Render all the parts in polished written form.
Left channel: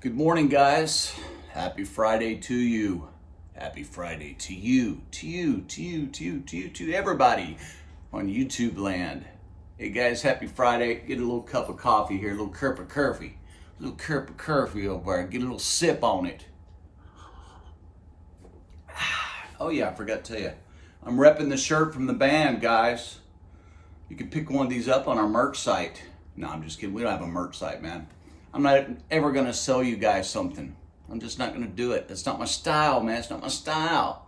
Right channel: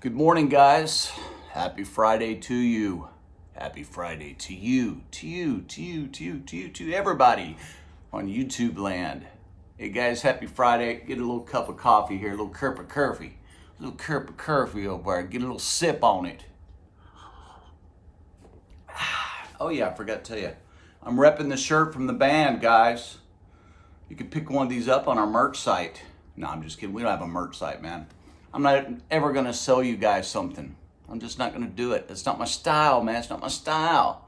Good morning, guys. Happy Friday to you. Happy Friday to you, to everybody on YouTube land. Hey guys, happy Friday. Get a little cup of coffee here, a little cup of coffee. A little cup of coffee over there. Get a little sip on it. Oh yeah, I forgot to tell you. I'm repping the shirt from the band, guys. You can pick one of these up on our merch site. No, I'm just kidding. We don't have a merch site, man. I'm not ever going to sell you guys something. I'm just not going to do it. That's not my style, man. It's not my style.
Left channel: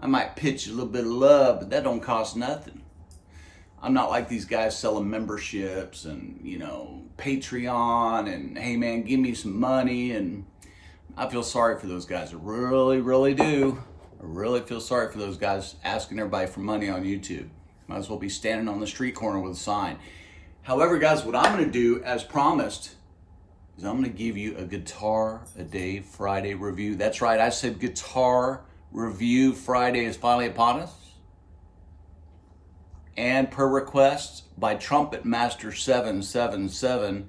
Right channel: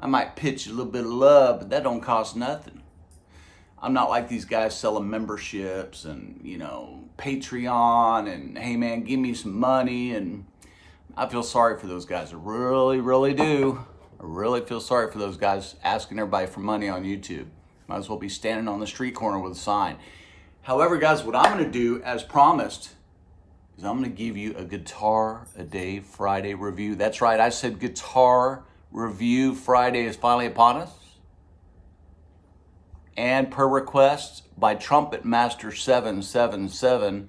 I might pitch a little bit of love, but that don't cost nothing. I'm not like these guys selling memberships and, Patreon and, hey, man, give me some money. And I feel sorry for those guys. I really, really do. I really feel sorry for those guys asking everybody for money on YouTube. Might as well be standing on the street corner with a sign. However, guys, what I'm going to do, as promised, is I'm going to give you a Guitar a Day Friday review. That's right, I said Guitar Review Friday is finally upon us. And per request by Trumpet Master 777,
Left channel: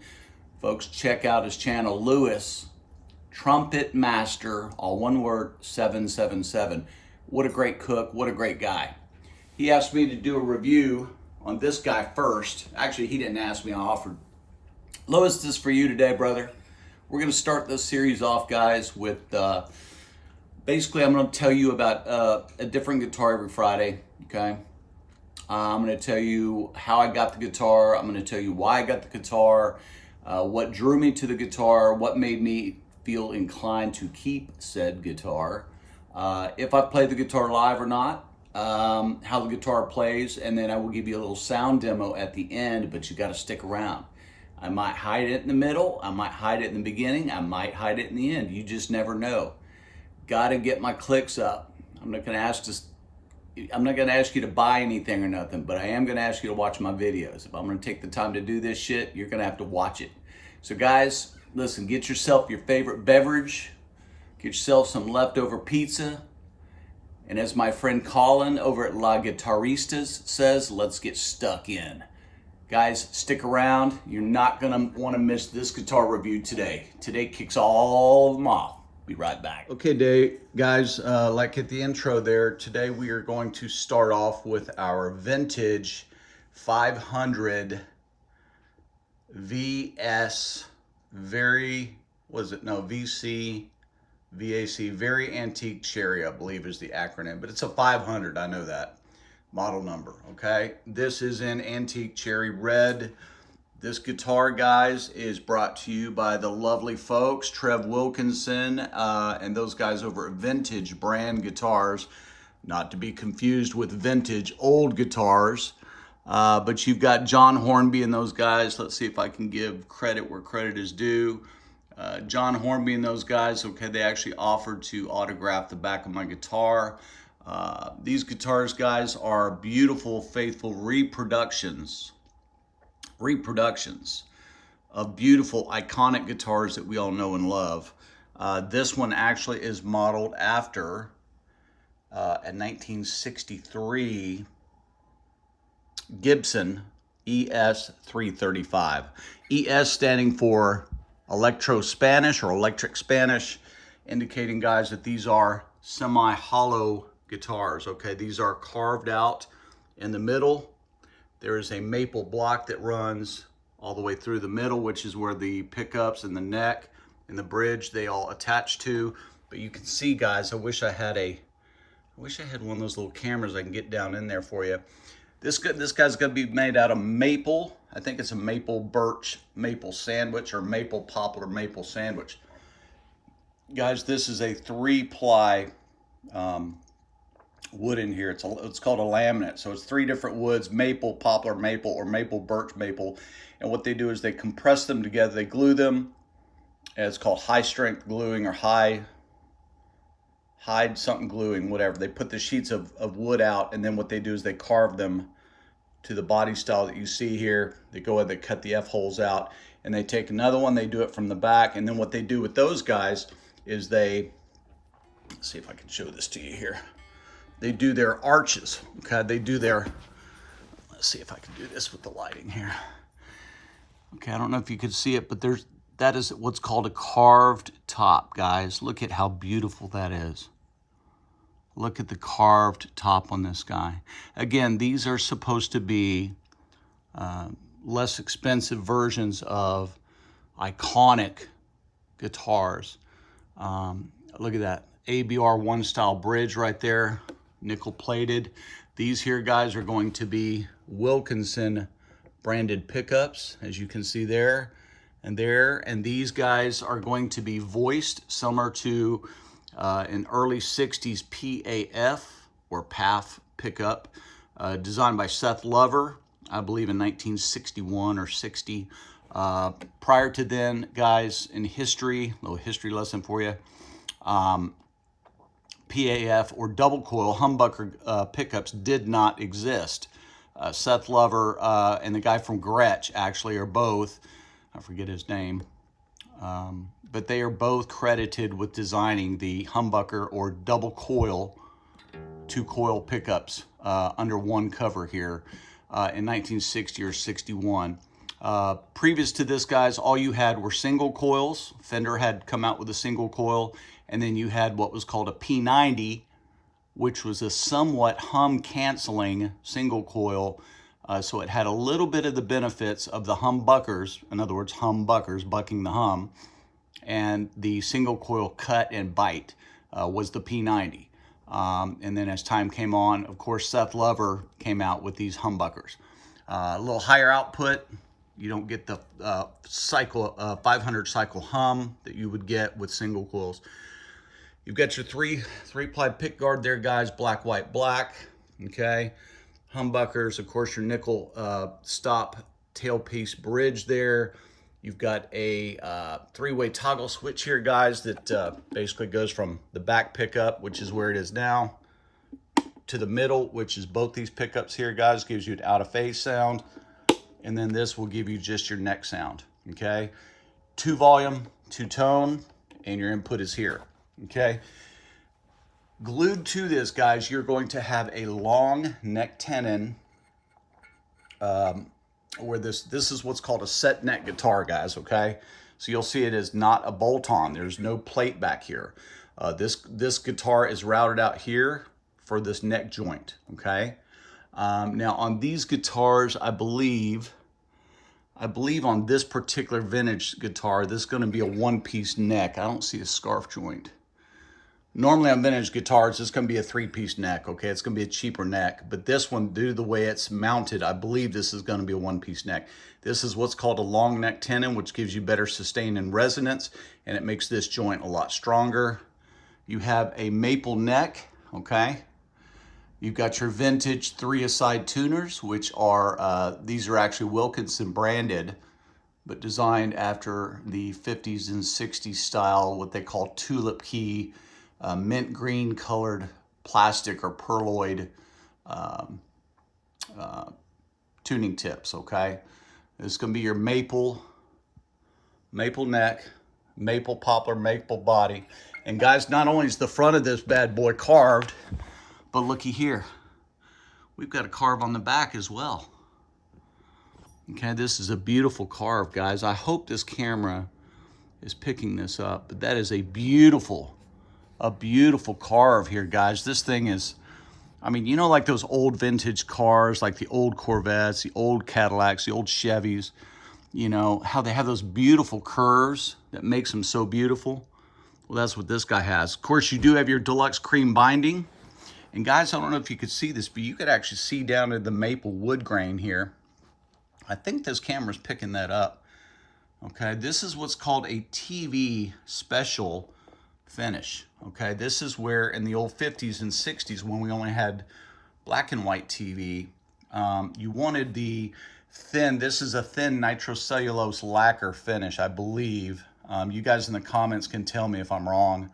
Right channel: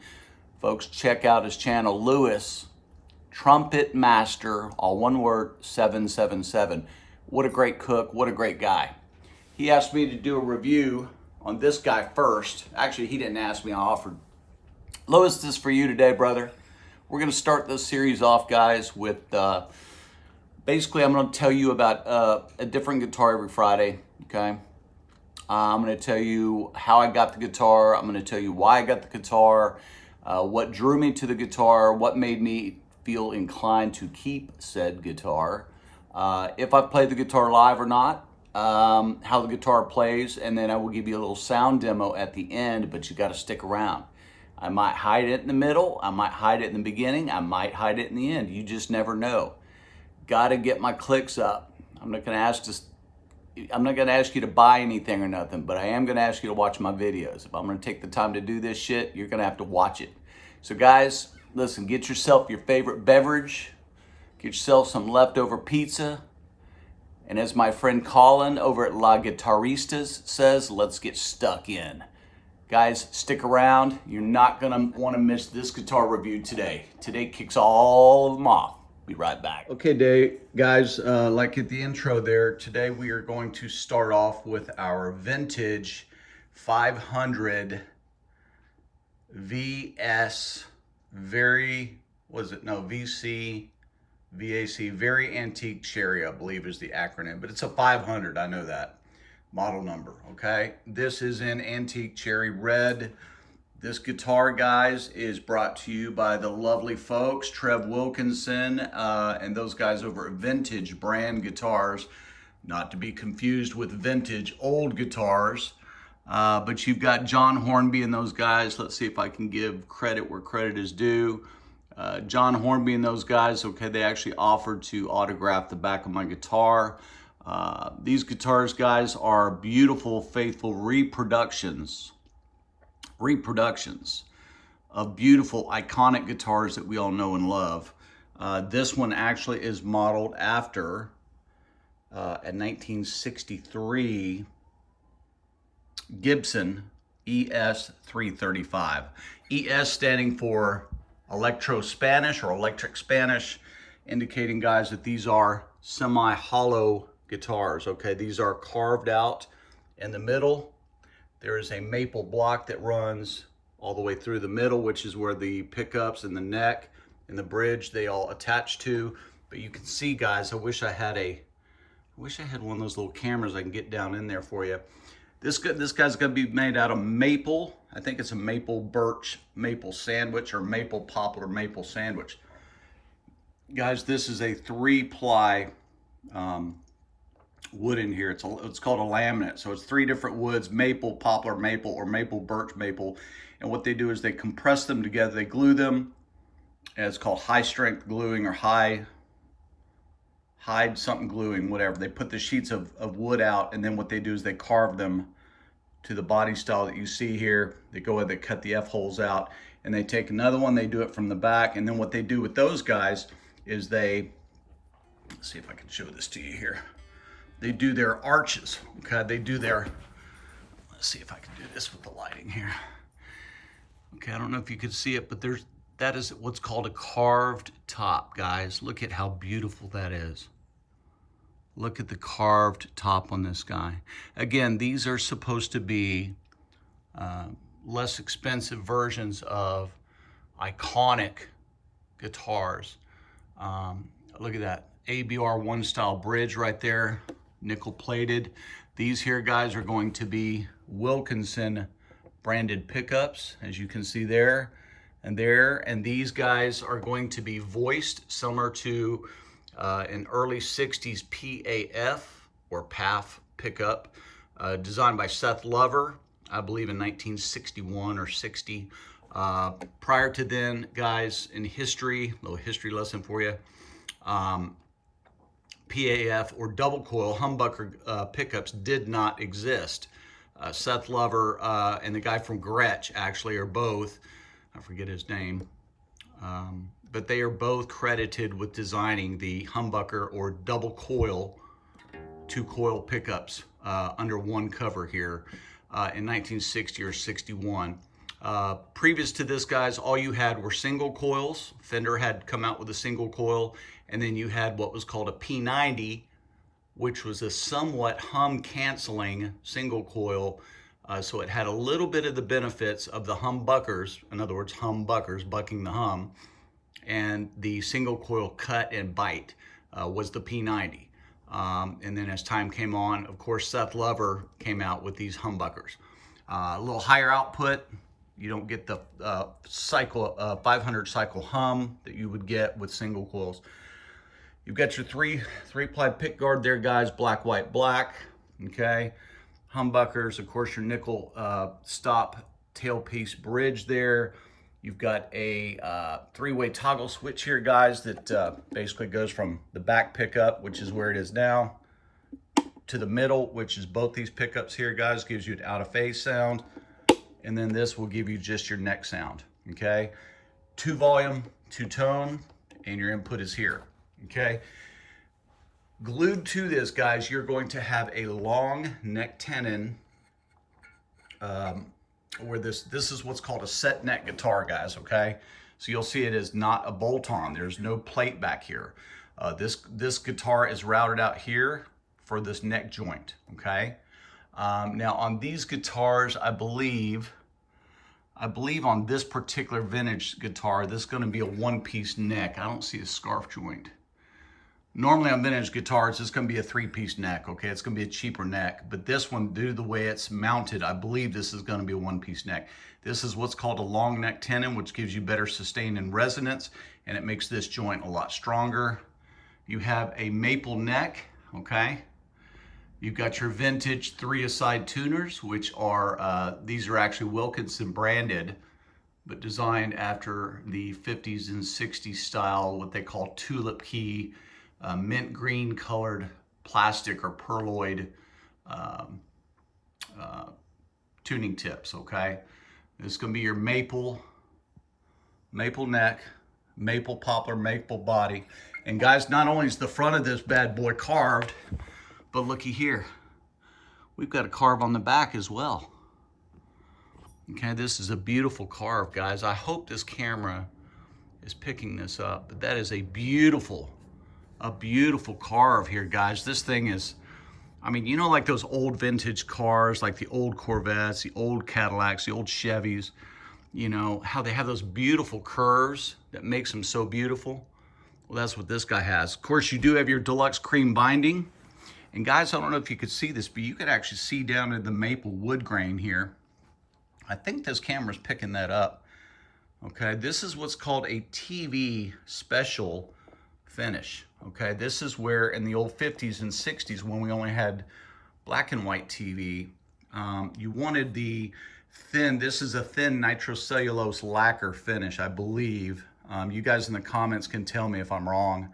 folks, check out his channel, Lewis, Trumpet Master, all one word, 777. What a great cook, what a great guy. He asked me to do a review on this guy first. Actually, he didn't ask me, I offered. Lewis, this is for you today, brother. We're going to start this series off, guys, with basically I'm going to tell you about a different guitar every Friday, okay? I'm going to tell you how I got the guitar. I'm going to tell you why I got the guitar, what drew me to the guitar, what made me feel inclined to keep said guitar, if I played the guitar live or not, how the guitar plays, and then I will give you a little sound demo at the end, but you got to stick around. I might hide it in the middle, I might hide it in the beginning, I might hide it in the end. You just never know. Got to get my clicks up. I'm not going to ask you to buy anything or nothing, but I am going to ask you to watch my videos. If I'm going to take the time to do this shit, you're going to have to watch it. So guys, listen, get yourself your favorite beverage, get yourself some leftover pizza, and as my friend Colin over at La Guitaristas says, let's get stuck in. Guys, stick around. You're not going to want to miss this guitar review today. Today kicks all of them off. Be right back. Okay, guys, like at the intro there, today we are going to start off with our vintage 500 VS, VAC, very antique cherry, I believe is the acronym, but it's a 500, I know that. Model number, okay? This is in antique cherry red. This guitar, guys, is brought to you by the lovely folks, Trev Wilkinson, and those guys over at Vintage Brand Guitars, not to be confused with vintage old guitars. But you've got John Hornby and those guys. Let's see if I can give credit where credit is due. John Hornby and those guys, okay, they actually offered to autograph the back of my guitar. These guitars, guys, are beautiful, faithful reproductions of beautiful, iconic guitars that we all know and love. This one actually is modeled after a 1963 Gibson ES 335. ES standing for Electro Spanish or Electric Spanish, indicating, guys, that these are semi-hollow guitars, okay? These are carved out in the middle. There is a maple block that runs all the way through the middle, which is where the pickups and the neck and the bridge, they all attach to. But you can see, guys, I wish I had one of those little cameras I can get down in there for you. This guy's gonna be made out of maple. I think it's a maple birch, maple sandwich, or maple poplar maple sandwich. Guys, this is a 3-ply wood in here. It's called a laminate. So it's 3 different woods: maple, poplar maple, or maple birch maple. And what they do is they compress them together, they glue them. And it's called high strength gluing, or hide something gluing, whatever. They put the sheets of wood out, and then what they do is they carve them to the body style that you see here. They go ahead, they cut the F-holes out, and they take another one, they do it from the back. And then what they do with those guys is let's see if I can show this to you here. They do their arches, okay? Let's see if I can do this with the lighting here. Okay, I don't know if you can see it, but that is what's called a carved top, guys. Look at how beautiful that is. Look at the carved top on this guy. Again, these are supposed to be less expensive versions of iconic guitars. Look at that ABR 1 style bridge right there, nickel plated. These here, guys, are going to be Wilkinson branded pickups, as you can see there and there. And these guys are going to be voiced similar to an early 60s PAF or PAF pickup, designed by Seth Lover, I believe in 1961 or 60. Prior to then, guys, in history, a little history lesson for you, PAF or double coil humbucker pickups did not exist. Seth Lover and the guy from Gretsch actually are both, I forget his name, but they are both credited with designing the humbucker or double coil, 2-coil pickups under one cover here in 1960 or 61. Previous to this, guys, all you had were single coils. Fender had come out with a single coil, and then you had what was called a P90, which was a somewhat hum canceling single coil. So it had a little bit of the benefits of the humbuckers, in other words, humbuckers, bucking the hum, and the single coil cut and bite was the P90. And then as time came on, of course, Seth Lover came out with these humbuckers. A little higher output. You don't get the 500 cycle hum that you would get with single coils. You've got your three-ply pick guard there, guys, black, white, black, okay? Humbuckers, of course, your nickel stop tailpiece bridge there. You've got a 3-way toggle switch here, guys, that basically goes from the back pickup, which is where it is now, to the middle, which is both these pickups here, guys, gives you an out-of-phase sound. And then this will give you just your neck sound, okay? 2 volume, 2 tone, and your input is here, okay? Glued to this, guys, you're going to have a long neck tenon, where this is what's called a set neck guitar, guys, okay? So you'll see it is not a bolt-on. There's no plate back here. This guitar is routed out here for this neck joint, okay? Now on these guitars, I believe on this particular vintage guitar, this is going to be a 1-piece neck. I don't see a scarf joint. Normally on vintage guitars, it's going to be a 3-piece neck, okay? It's going to be a cheaper neck. But this one, due to the way it's mounted, I believe this is going to be a 1-piece neck. This is what's called a long neck tenon, which gives you better sustain and resonance, and it makes this joint a lot stronger. You have a maple neck, okay? You've got your vintage 3-a-side tuners, which are, these are actually Wilkinson branded, but designed after the 50s and 60s style, what they call tulip key, mint green colored plastic or pearloid tuning tips, okay? This is gonna be your maple neck, maple poplar, maple body. And guys, not only is the front of this bad boy carved, but looky here, we've got a carve on the back as well. Okay, this is a beautiful carve, guys. I hope this camera is picking this up, but that is a beautiful carve here, guys. This thing is, I mean, you know, like those old vintage cars, like the old Corvettes, the old Cadillacs, the old Chevys, you know, how they have those beautiful curves that makes them so beautiful. Well, that's what this guy has. Of course, you do have your deluxe cream binding. And guys, I don't know if you could see this, but you could actually see down to the maple wood grain here. I think this camera's picking that up. Okay, this is what's called a TV special finish. Okay, this is where in the old 50s and 60s, when we only had black and white TV, you wanted the thin, this is a thin nitrocellulose lacquer finish, I believe. You guys in the comments can tell me if I'm wrong.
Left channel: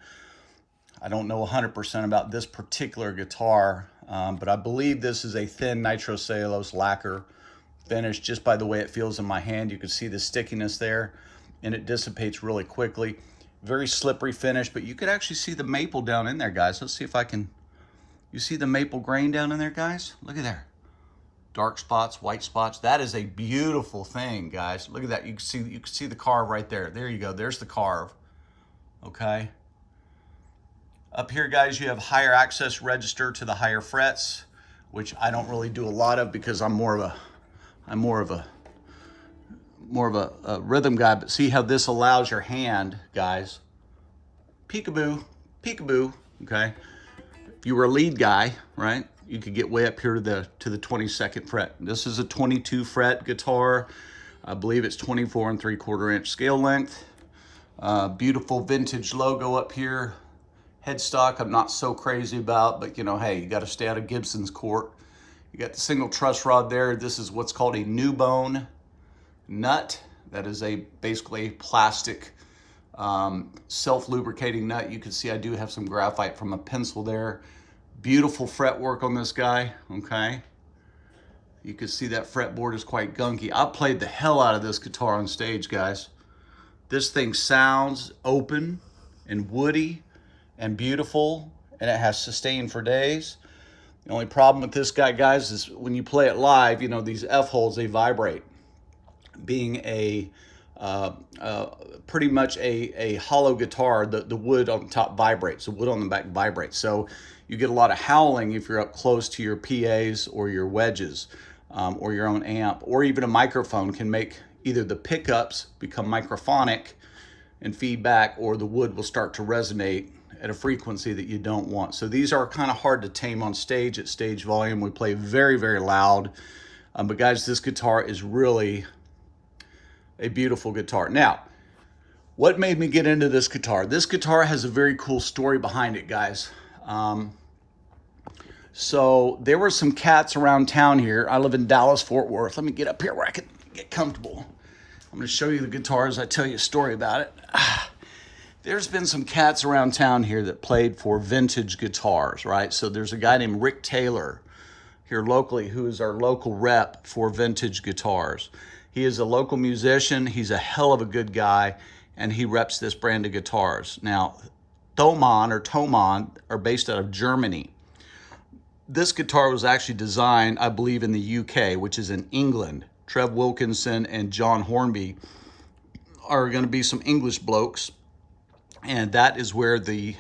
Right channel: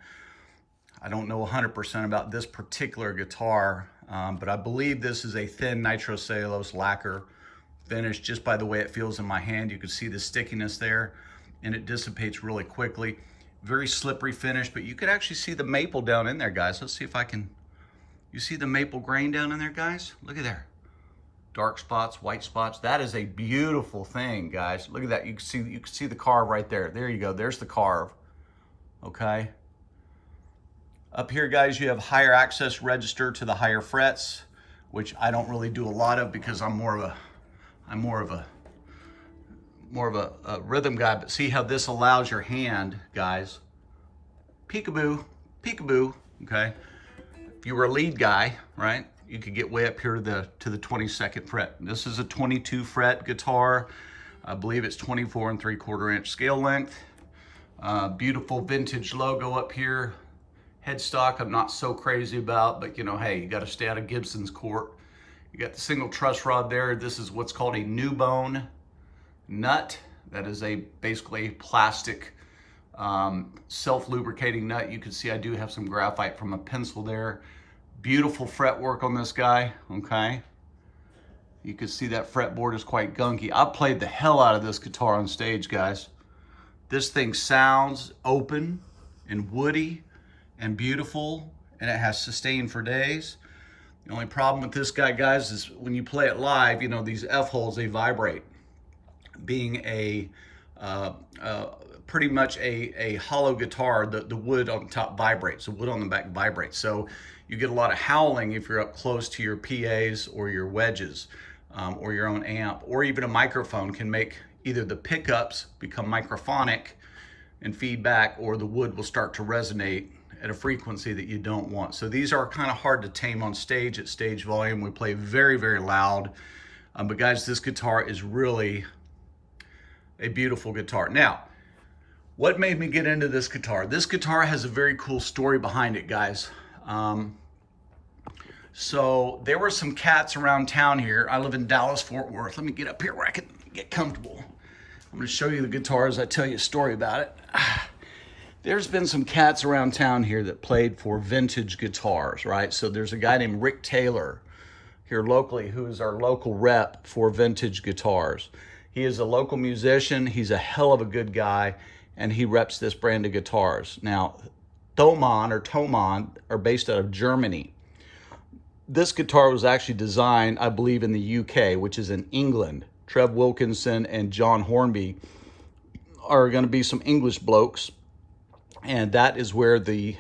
I don't know 100% about this particular guitar, but I believe this is a thin nitrocellulose lacquer finish. Just by the way it feels in my hand, you can see the stickiness there, and it dissipates really quickly. Very slippery finish, but you could actually see the maple down in there, guys. Let's see if I can, you see the maple grain down in there, guys? Look at there. dark spots, white spots. That is a beautiful thing, guys. Look at that. You can see the carve right there. There you go. There's the carve. Okay. Up here, guys, you have higher access register to the higher frets, which I don't really do a lot of because I'm more of a rhythm guy. But see how this allows your hand, guys. Peekaboo, peekaboo. Okay. If you were a lead guy, right, you could get way up here to the 22nd fret. This is a 22 fret guitar. I believe it's 24 3/4 inch scale length. Beautiful vintage logo up here. Headstock I'm not so crazy about, but you know, hey, you got to stay out of Gibson's court. You got the single truss rod there. This is what's called a new bone nut. That is basically a plastic self-lubricating nut. You can see I do have some graphite from a pencil there. Beautiful fretwork on this guy, okay? You can see that fretboard is quite gunky. I played the hell out of this guitar on stage, guys. This thing sounds open and woody and beautiful, and it has sustain for days. The only problem with this guy, guys, is when you play it live, you know, these F-holes, they vibrate. Being pretty much a hollow guitar, the wood on the top vibrates, the wood on the back vibrates. So you get a lot of howling if you're up close to your PAs or your wedges or your own amp, or even a microphone can make either the pickups become microphonic and feedback, or the wood will start to resonate at a frequency that you don't want. So these are kind of hard to tame on stage at stage volume. We play very, very loud. But guys, this guitar is really a beautiful guitar. Now, what made me get into this guitar? This guitar has a very cool story behind it, guys. So there were some cats around town here. I live in Dallas, Fort Worth. Let me get up here where I can get comfortable. I'm gonna show you the guitar as I tell you a story about it. There's been some cats around town here that played for vintage guitars, right? So there's a guy named Rick Taylor here locally who's our local rep for vintage guitars. He is a local musician. He's a hell of a good guy, and he reps this brand of guitars. Now, Thomann are based out of Germany. This guitar was actually designed, I believe, in the UK, which is in England. Trev Wilkinson and John Hornby are going to be some English blokes, and that is where the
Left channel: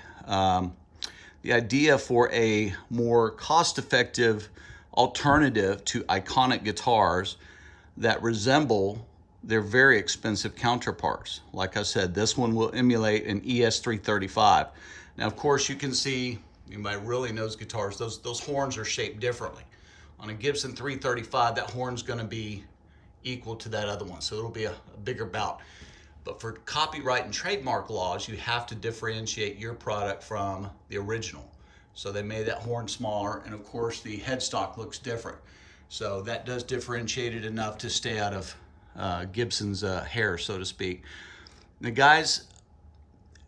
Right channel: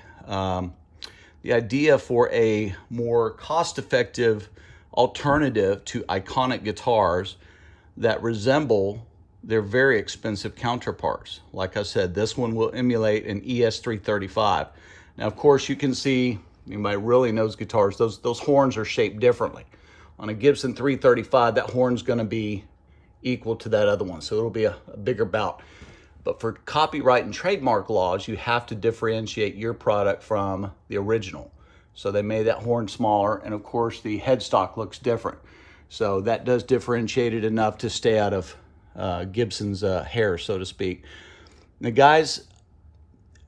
idea for a more cost-effective alternative to iconic guitars that resemble their very expensive counterparts. Like I said, this one will emulate an ES335. Now, of course, you can see, anybody really knows guitars, those horns are shaped differently. On a Gibson 335, that horn's gonna be equal to that other one, so it'll be a bigger bout. But for copyright and trademark laws, you have to differentiate your product from the original. So they made that horn smaller, and of course the headstock looks different. So that does differentiate it enough to stay out of Gibson's hair, so to speak. Now guys,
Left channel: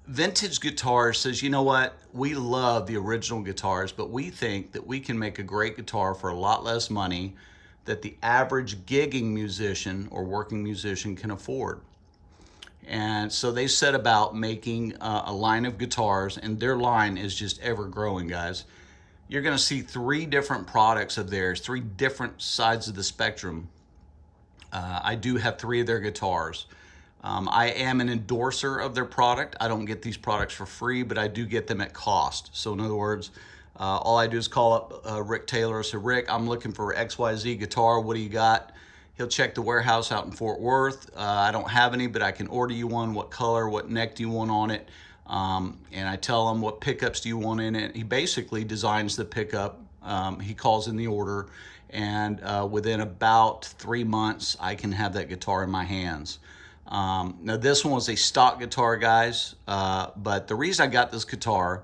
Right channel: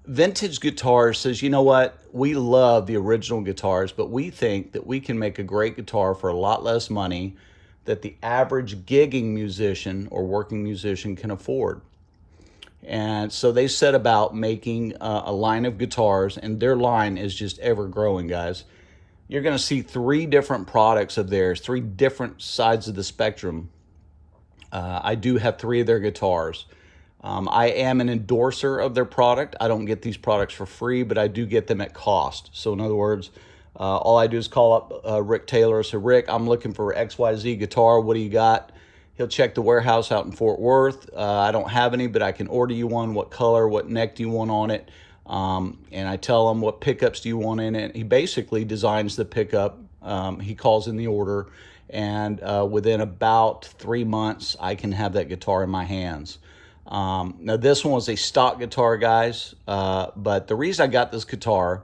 vintage guitars says, you know what? We love the original guitars, but we think that we can make a great guitar for a lot less money that the average gigging musician or working musician can afford. And so they set about making a line of guitars, and their line is just ever growing, guys. You're gonna see 3 different products of theirs, 3 different sides of the spectrum. I do have 3 of their guitars. I am an endorser of their product. I don't get these products for free, but I do get them at cost. So in other words, all I do is call up Rick Taylor. So Rick, I'm looking for XYZ guitar. What do you got? He'll check the warehouse out in Fort Worth. I don't have any, but I can order you one. What color, what neck do you want on it? And I tell him, what pickups do you want in it? He basically designs the pickup. He calls in the order, and within about 3 months, I can have that guitar in my hands. Now this one was a stock guitar, guys, but the reason I got this guitar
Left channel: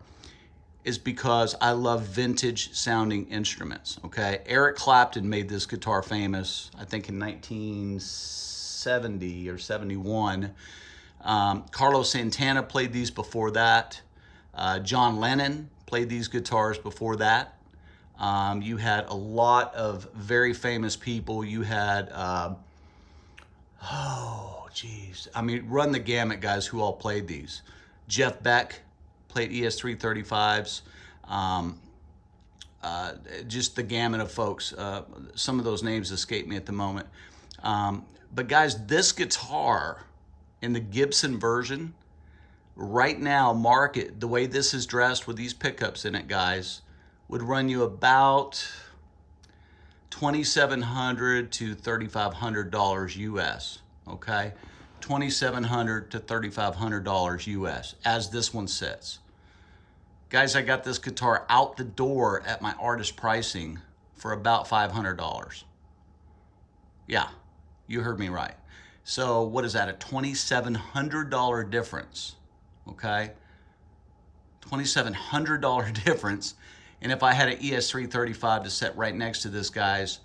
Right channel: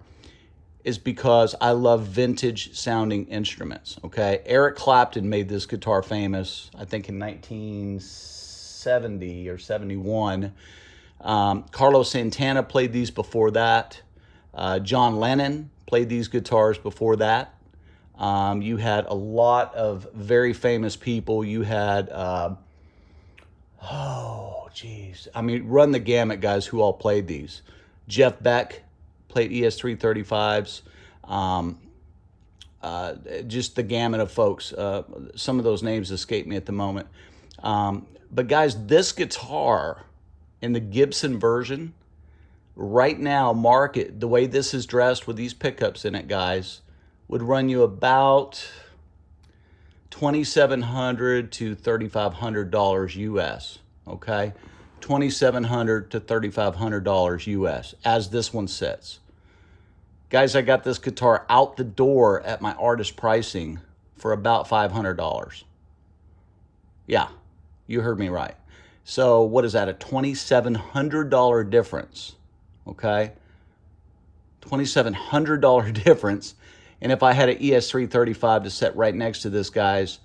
is because I love vintage sounding instruments, okay? Eric Clapton made this guitar famous, I think in 1970 or 71. Carlos Santana played these before that. John Lennon played these guitars before that. You had a lot of very famous people. You had, oh, geez. I mean, run the gamut, guys, who all played these. Jeff Beck played ES335s. just the gamut of folks. Some of those names escape me at the moment. But guys, this guitar in the Gibson version, right now, market, the way this is dressed with these pickups in it, guys, would run you about $2,700 to $3,500 US, okay? $2,700 to $3,500 US as this one sits. Guys, I got this guitar out the door at my artist pricing for about $500. Yeah, you heard me right. So what is that, a $2,700 difference, okay? $2,700 difference. And if I had an ES335 to set right next to this, guys,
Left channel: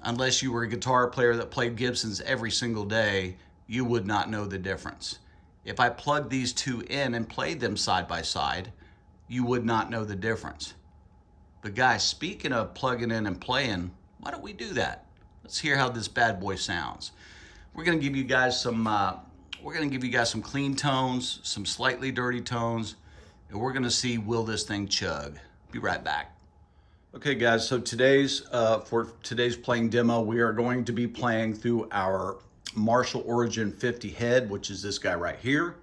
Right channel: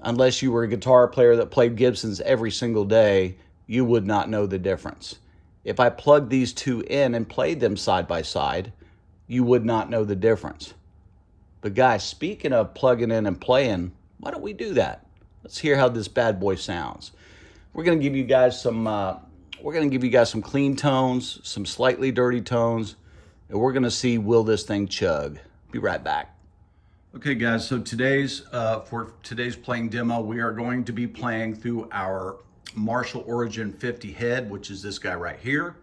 unless you were a guitar player that played Gibsons every single day, you would not know the difference. If I plugged these two in and played them side by side, you would not know the difference. But guys, speaking of plugging in and playing, why don't we do that? Let's hear how this bad boy sounds. We're gonna give you guys some clean tones, some slightly dirty tones, and we're gonna see, will this thing chug? Be right back. Okay guys, so for today's playing demo, we are going to be playing through our Marshall Origin 50 head, which is this guy right here.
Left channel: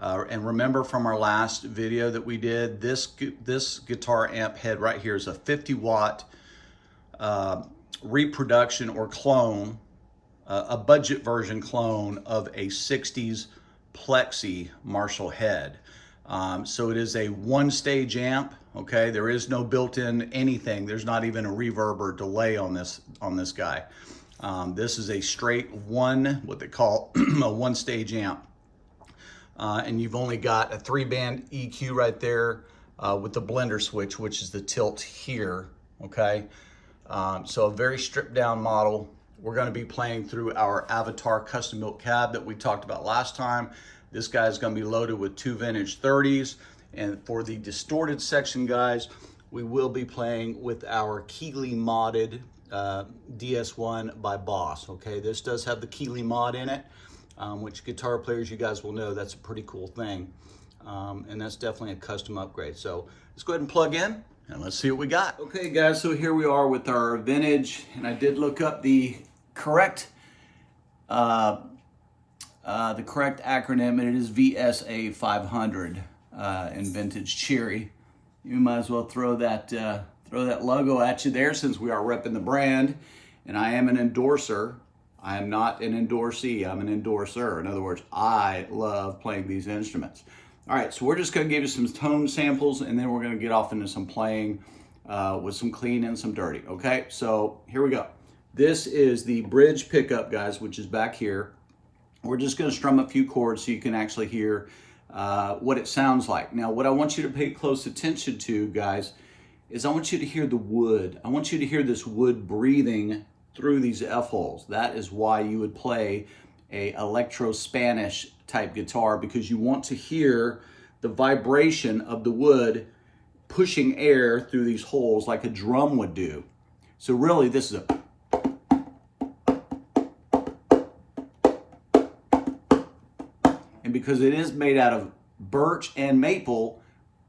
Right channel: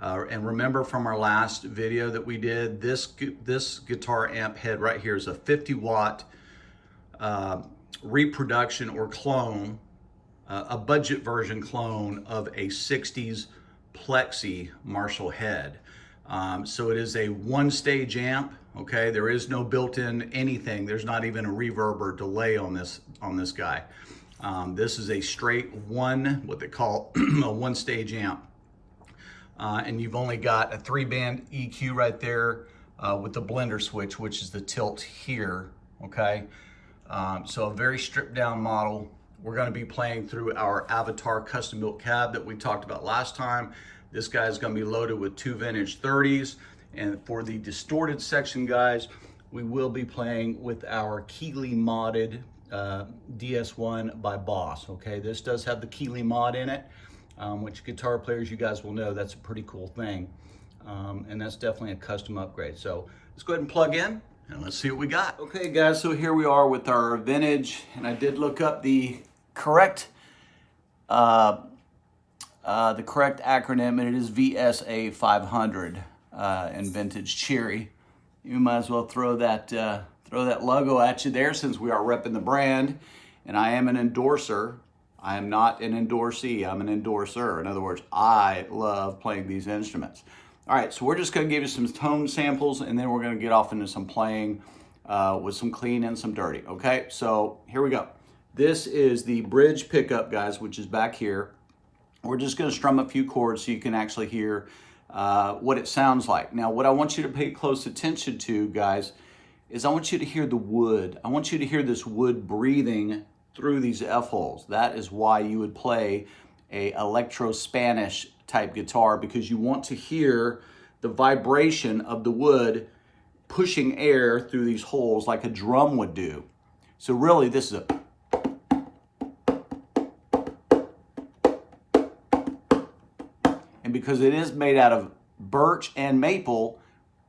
And remember from our last video that we did, this guitar amp head right here is a 50 watt reproduction or clone, a budget version clone of a 60s Plexi Marshall head. So it is a one stage amp, okay? There is no built-in anything. There's not even a reverb or delay on this guy. This is a straight what they call a one stage amp. And you've only got a 3-band EQ right there with the blender switch, which is the tilt here, okay? So a very stripped down model. We're gonna be playing through our Avatar custom built cab that we talked about last time. This guy is gonna be loaded with 2 vintage 30s. And for the distorted section, guys, we will be playing with our Keeley modded DS1 by Boss, okay? This does have the Keeley mod in it, which guitar players, you guys will know that's a pretty cool thing. And that's definitely a custom upgrade. So let's go ahead and plug in and let's see what we got. Okay guys, so here we are with our vintage, and I did look up the correct acronym, and it is VSA 500 in vintage cherry. You might as well throw that logo at you there, since we are repping the brand, and I am an endorser. I am not an endorsee, I'm an endorser. In other words, I love playing these instruments. All right, so we're just gonna give you some tone samples, and then we're gonna get off into some playing with some clean and some dirty, okay? So here we go. This is the bridge pickup, guys, which is back here. We're just gonna strum a few chords so you can actually hear what it sounds like. Now, what I want you to pay close attention to, guys, is I want you to hear the wood. I want you to hear this wood breathing through these F-holes. That is why you would play a electro-Spanish type guitar, because you want to hear the vibration of the wood pushing air through these holes like a drum would do. So really, this is a... And because it is made out of birch and maple,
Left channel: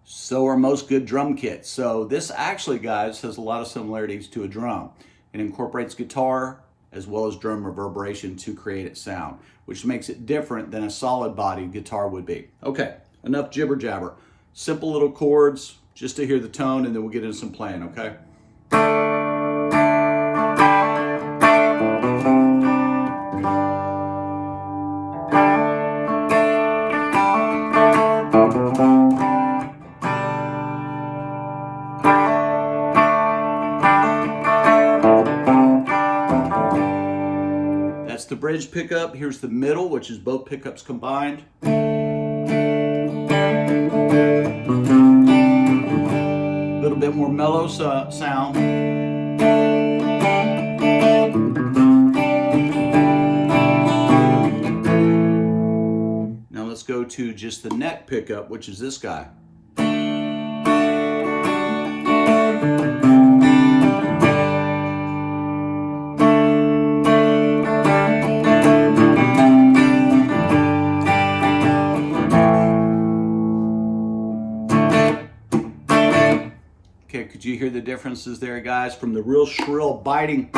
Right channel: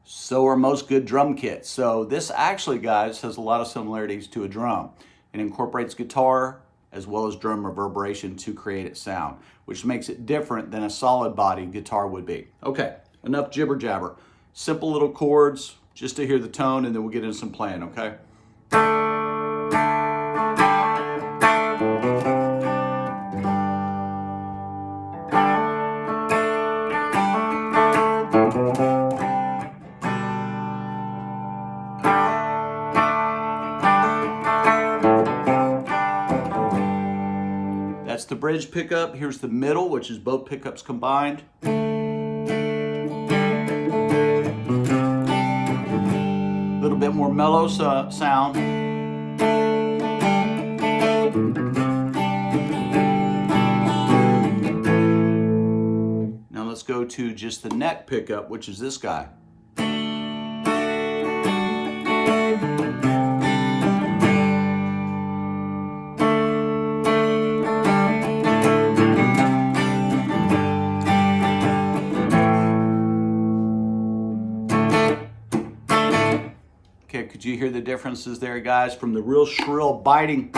so are most good drum kits. So this actually, guys, has a lot of similarities to a drum. It incorporates guitar as well as drum reverberation to create its sound, which makes it different than a solid body guitar would be. Okay, enough jibber jabber. Simple little chords just to hear the tone, and then we'll get into some playing, okay? That's the bridge pickup. Here's the middle, which is both pickups combined. A little bit more mellow sound. Now let's go to just the neck pickup, which is this guy. Could you hear the differences there, guys? From the real shrill biting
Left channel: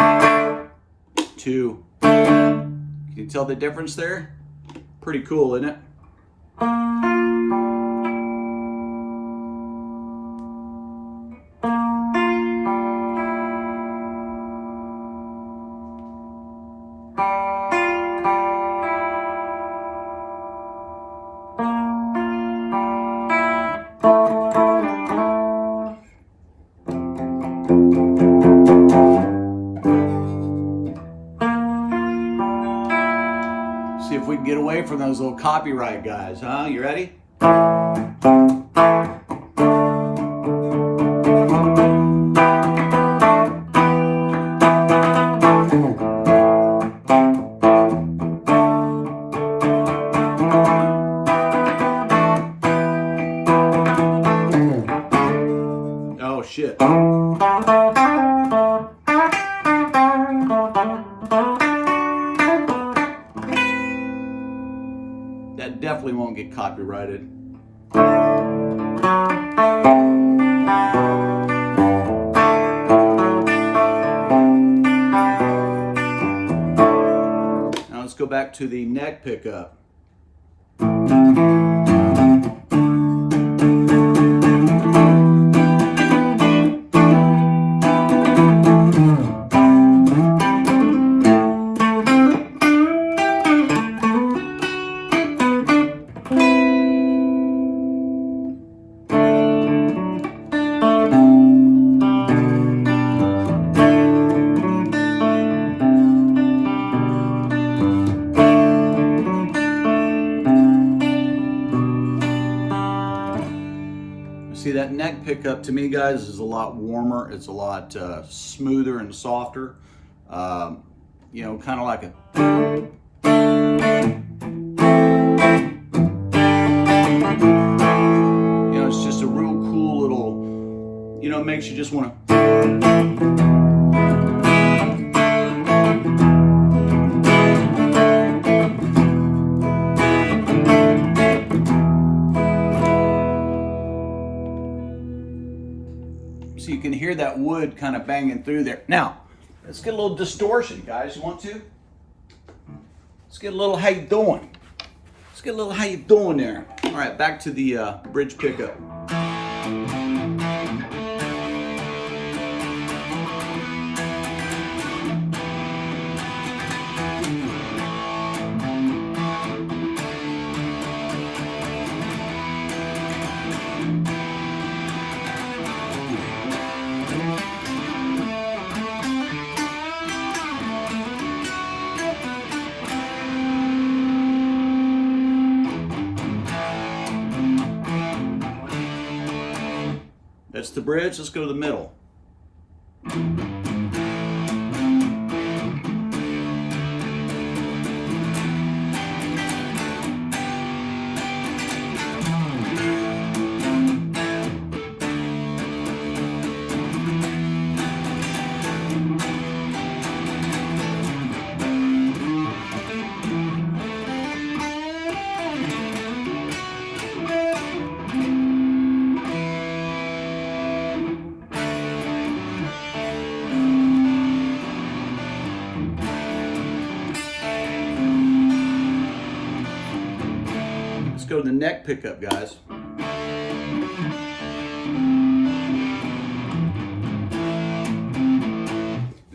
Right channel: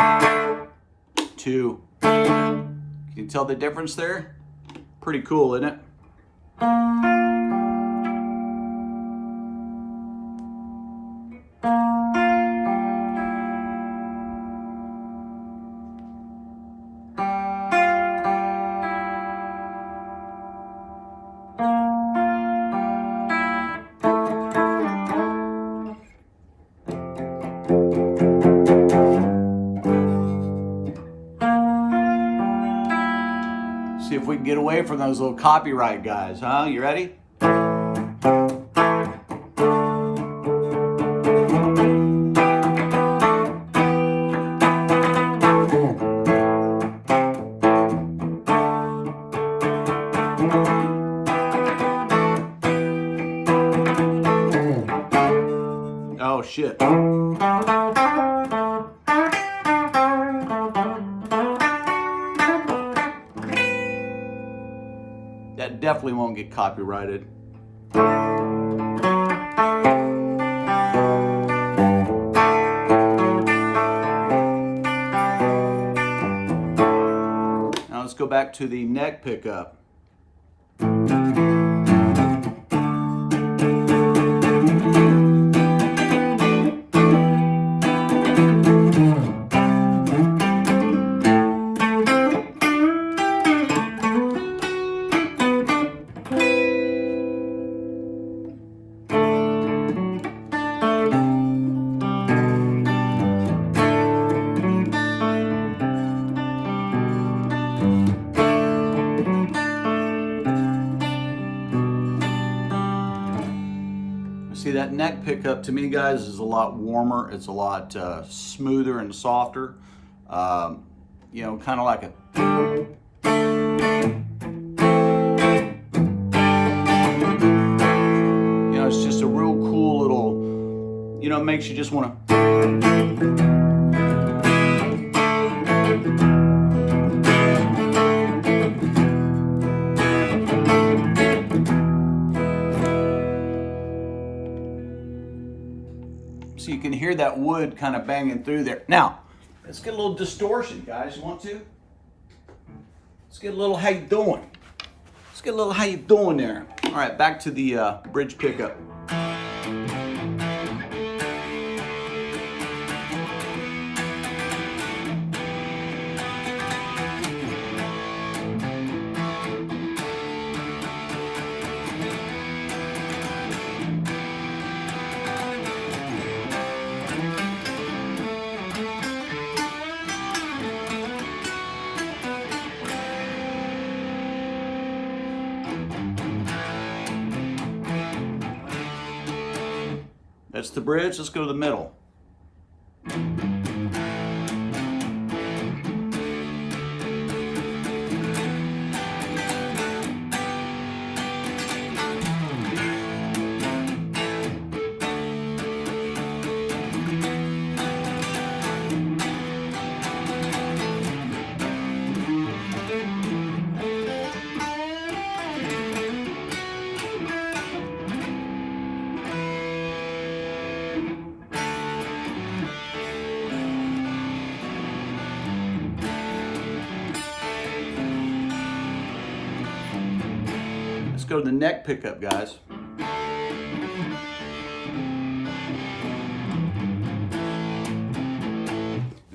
to, can you tell the difference there? Pretty cool, isn't it? See if we can get away from those little copyright guys, huh? You ready? Oh shit. That definitely won't get copyrighted. Now let's go back to the neck pickup. See, that neck pickup to me, guys, is a lot warmer. It's a lot smoother and softer. You know, kind of like a... You know, it's just a real cool little, you know, it makes you just want to... So you can hear that wood kind of banging through there. Now, let's get a little distortion, guys. You want to? Let's get a little how you doing. Let's get a little how you doing there. All right, back to the bridge pickup. That's the bridge. Let's go to the middle. Let's go to the neck pickup, guys.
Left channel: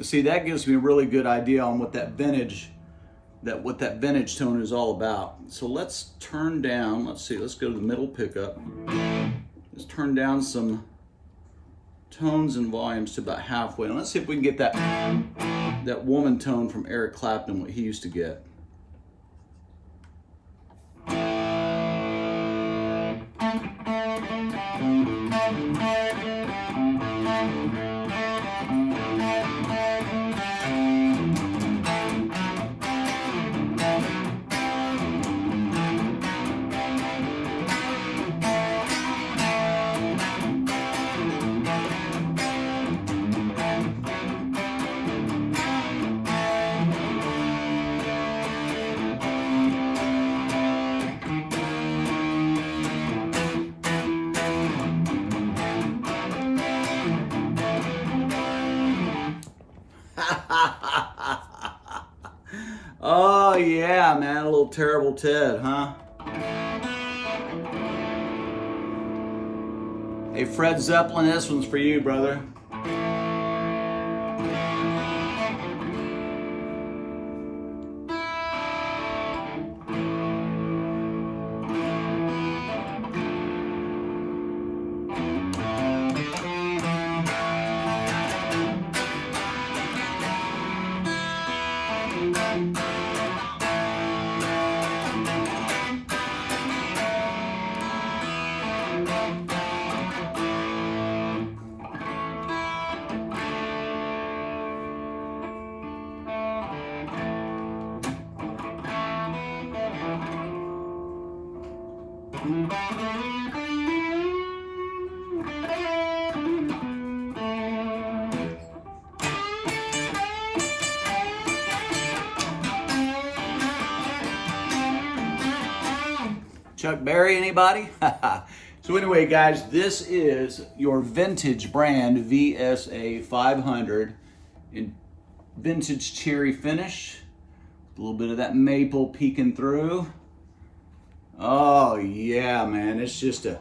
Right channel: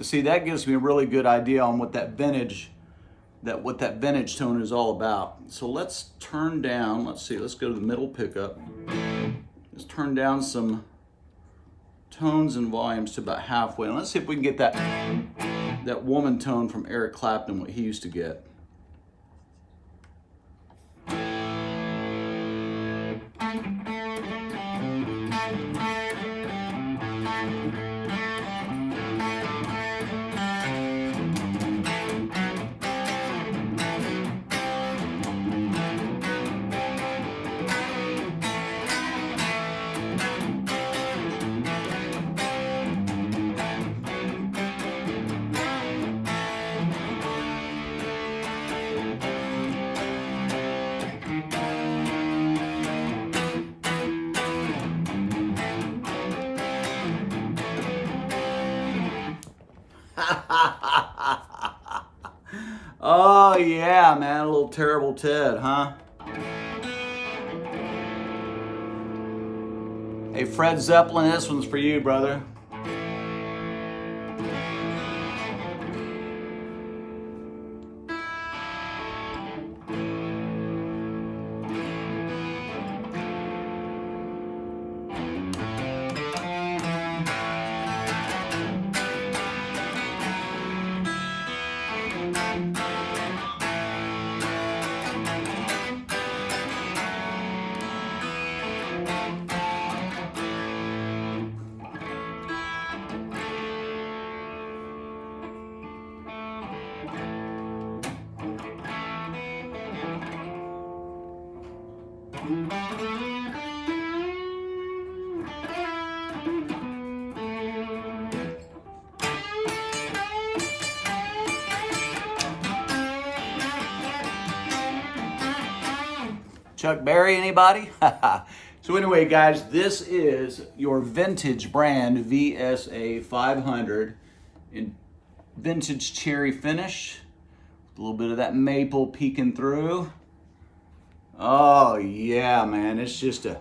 See, that gives me a really good idea on what that vintage tone is all about. So let's turn down, let's see, let's go to the middle pickup. Let's turn down some tones and volumes to about halfway. And let's see if we can get that woman tone from Eric Clapton, what he used to get. yeah, man, a little Terrible Ted, huh? Hey, Fred Zeppelin, this one's for you, brother. Chuck Berry, anybody? So anyway, guys, this is your vintage brand VSA 500 in vintage cherry finish. A little bit of that maple peeking through. Oh yeah, man, it's just a...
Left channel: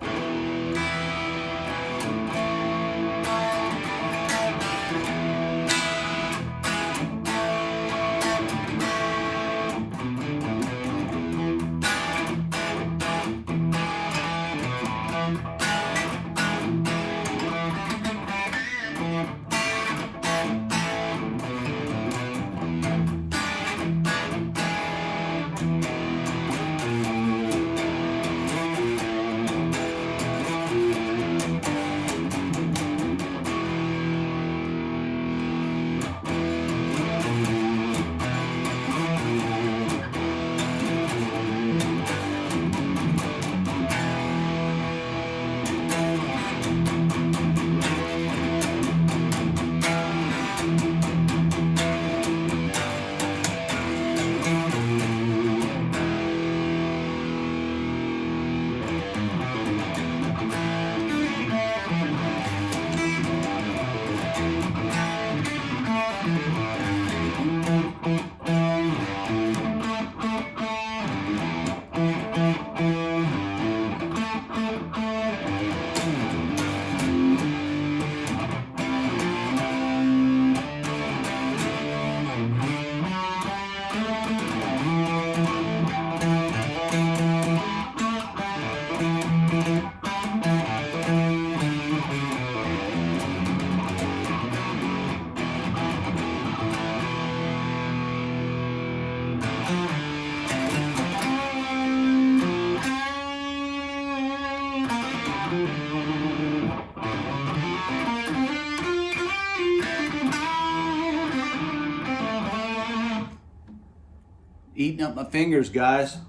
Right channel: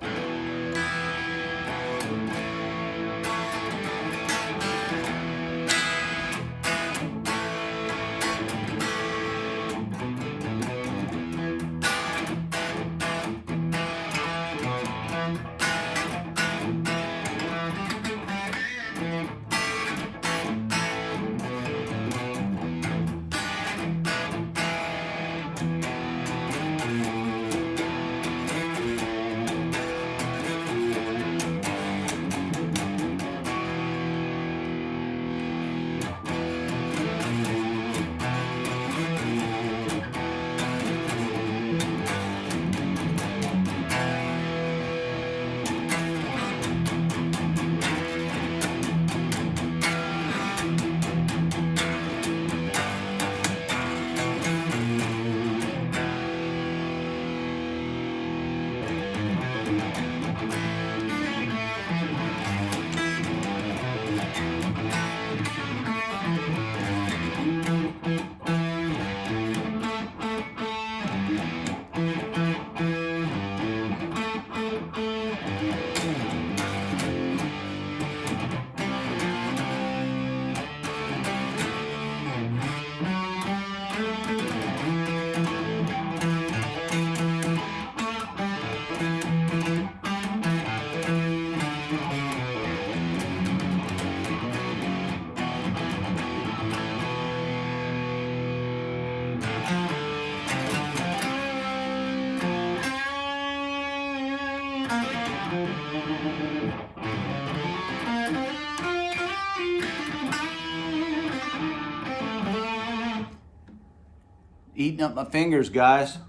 Eating up my fingers, guys.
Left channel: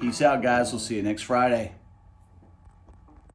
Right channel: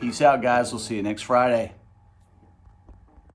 Peace out, guys. We'll see you next Friday.